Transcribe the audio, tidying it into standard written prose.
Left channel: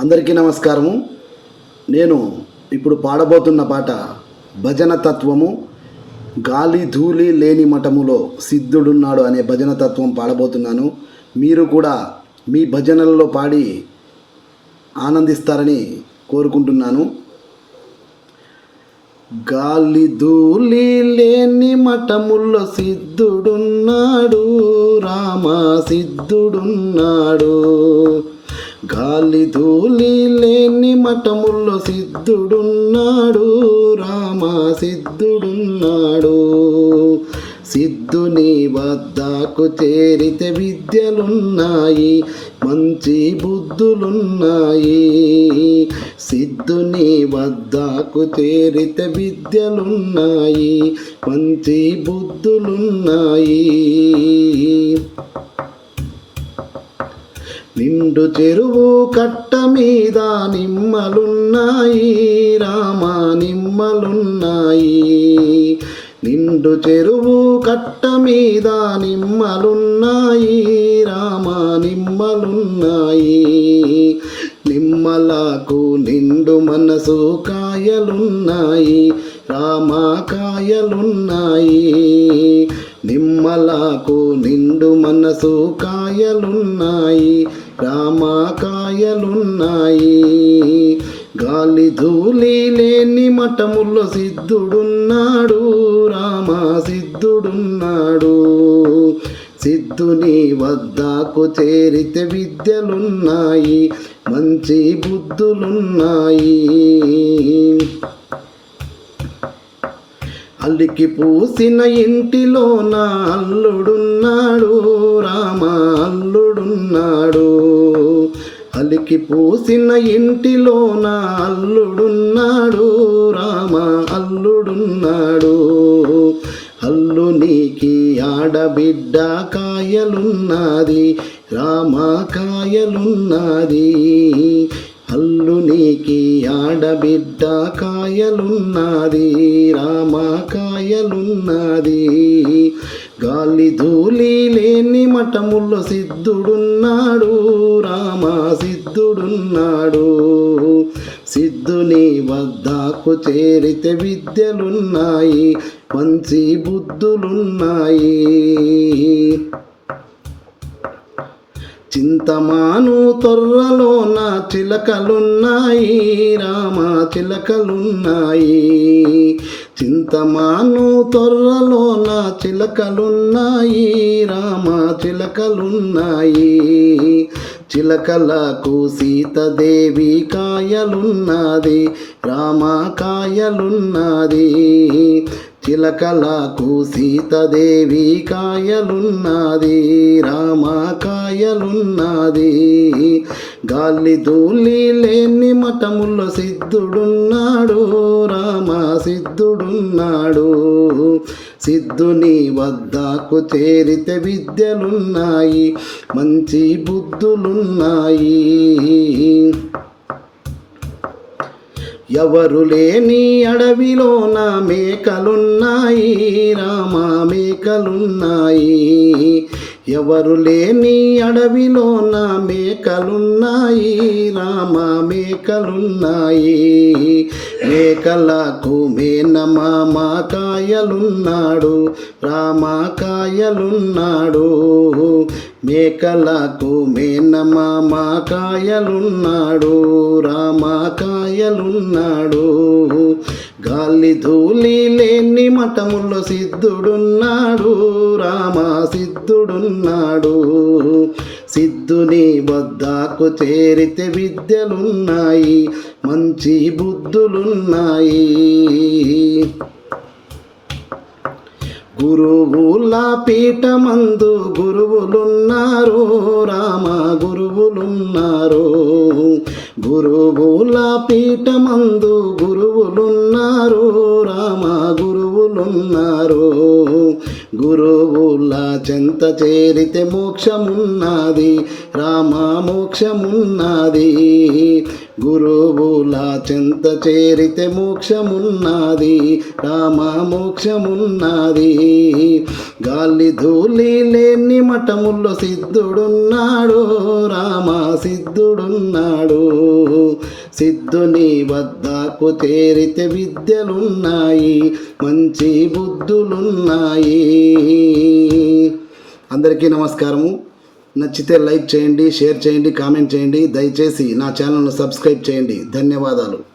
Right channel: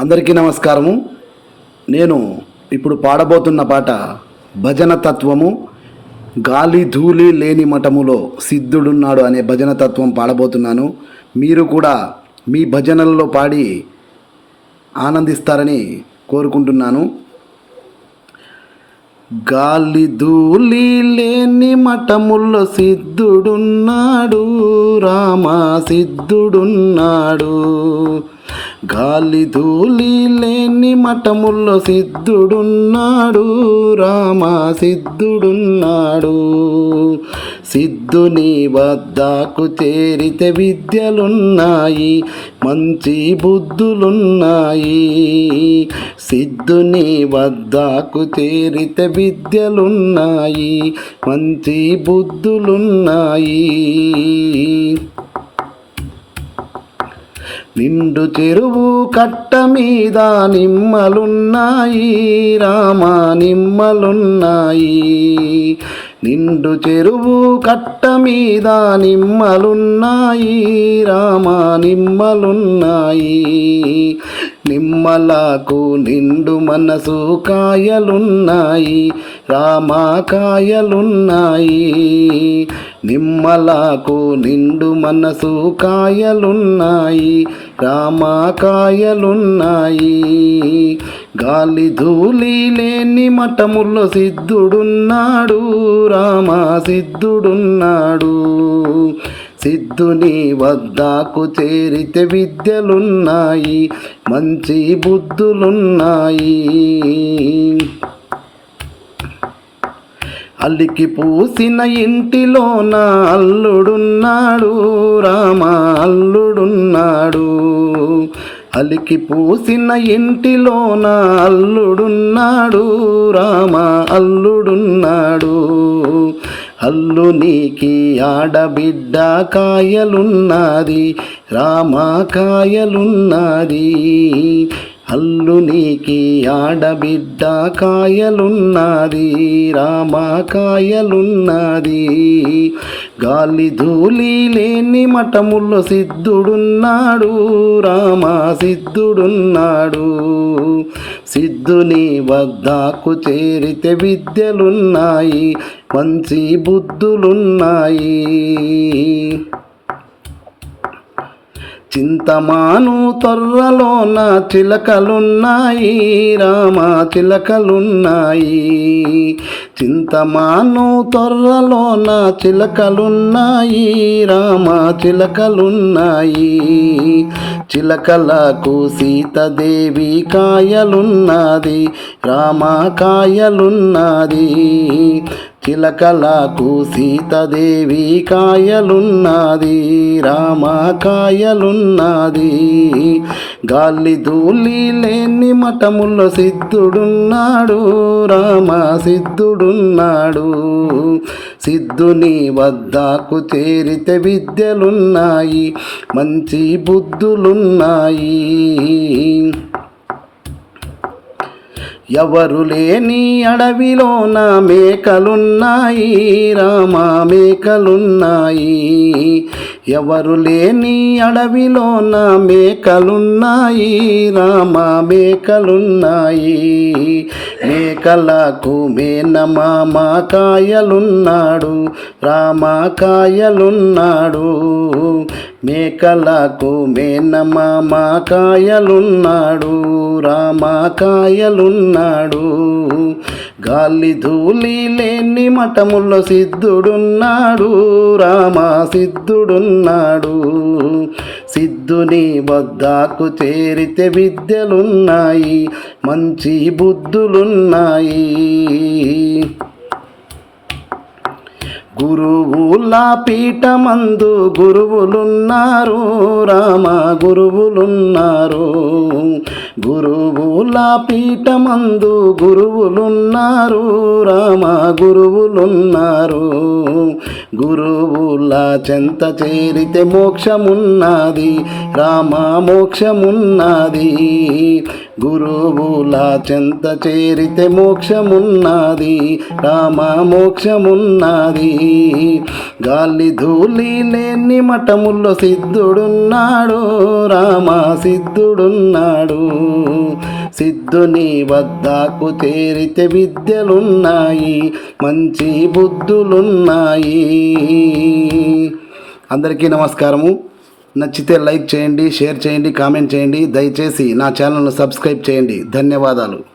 అందరికీ నమస్కారము. నేను ఇప్పుడు పాడబోతున్న పాట భజన తత్వము. గాలి ధూళి లేని మఠములో సిద్ధుడున్నాడు అనే భజన తత్వం పాడబోతున్నాను. మీరు కూడా మీ భజనలలో పాడి ఆనందిస్తారని కోరుకుంటున్నాను. గాలి ధూళి లేని మఠముల్లో సిద్ధుడున్నాడు, రామ సిద్ధుడున్నాడు. గాలి ధూళి లేని మఠముల్లో సిద్ధుడున్నాడు, రామ సిద్ధుడున్నాడు. సిద్ధుని వద్దకు చేరితే విద్యలున్నాయి, మంచి బుద్ధులున్నాయి. సిద్ధుని వద్దకు చేరితే విద్యలున్నాయి, మంచి బుద్ధులున్నాయి. నిండు చెరువు కట్ట మీద నిమ్మలున్నాయి, రామ నిమ్మలున్నాయి. నిండు చెరువు కట్ట మీద నిమ్మలున్నాయి, రామ నిమ్మలున్నాయి. నిమ్మలకు నిండు మనసు కాయలున్నాయి, రామ కాయలున్నాయి. నిమ్మలకు నిండు మనసు కాయలున్నాయి, రామ కాయలున్నాయి. గాలి ధూళి లేని మఠముల్లో సిద్ధుడున్నాడు, రామ సిద్ధుడున్నాడు. సిద్ధుని వద్దకు చేరితే విద్యలున్నాయి, మంచి బుద్ధులున్నాయి. అల్లికి పూసిన ఇంటిలోన అల్లుడున్నాడు, రామ అల్లుడున్నాడు. అలికి పూసిన ఇంటిలోన అల్లుడున్నాడు, రామ అల్లుడున్నాడు. అల్లునికి ఆడబిడ్డ కాయలున్నది, రామ కాయలున్నది. అల్లునికి ఆడబిడ్డ కాయలున్నది, రామ కాయలున్నది. గాలి ధూళి లేని మఠముల్లో సిద్ధుడున్నాడు, రామ సిద్ధుడున్నాడు. సిద్ధుని వద్దకు చేరితే విద్యలున్నాయి, మంచి బుద్ధులున్నాయి. చింతమాను తొర్రలోన చిలకలున్నాయి, రామ చిలకలున్నాయి. చింతమాను తొర్రలోన చిలకలున్నాయి, రామ చిలకలున్నాయి. చిలకలకు సీతాదేవి కాయలున్నది, రామ కాయలున్నది. చిలకలకు సీతాదేవి కాయలున్నది, రామ కాయలున్నది. గాలి ధూళి లేని మఠముల్లో సిద్ధుడున్నాడు, రామ సిద్ధుడున్నాడు. సిద్ధుని వద్దకు చేరితే విద్యలున్నాయి, మంచి బుద్ధులున్నాయి. ఎవరు లేని అడవిలోన మేకలున్నాయి, రామ మేకలున్నాయి. ఎవరు లేని అడవిలోన మేకలున్నాయి, రామ మేకలున్నాయి. మేకలకు మేనమామ కాయలున్నాడు, రామ కాయలున్నాడు. మేకలకు మేనమామ కాయలున్నాడు, రామ కాయలున్నాడు. గాలి ధూళి లేని మఠముల్లో సిద్ధుడున్నాడు, రామ సిద్ధుడున్నాడు. సిద్ధుని వద్దకు చేరితే విద్యలున్నాయి, మంచి బుద్ధులున్నాయి. గురువుల పీఠమందు గురువులున్నారు, రామ గురువులున్నారు. గురువుల పీఠమందు గురువులున్నారు, రామ గురువులున్నారు. గురువుల చెంత చేరితే మోక్షమున్నది, రామ మోక్షమున్నది. గురువుల చెంత చేరితే మోక్షమున్నది, రామ మోక్షమున్నది. గాలి ధూళి లేని మఠముల్లో సిద్ధుడున్నాడు, రామ సిద్ధుడున్నాడు. సిద్ధుని వద్దకు తేరితే విద్యలున్నాయి, మంచి బుద్ధులున్నాయి. అందరికీ నమస్కారము. నచ్చితే లైక్ చేయండి, షేర్ చేయండి, కామెంట్ చేయండి. దయచేసి నా ఛానల్ను సబ్స్క్రైబ్ చేయండి. ధన్యవాదాలు.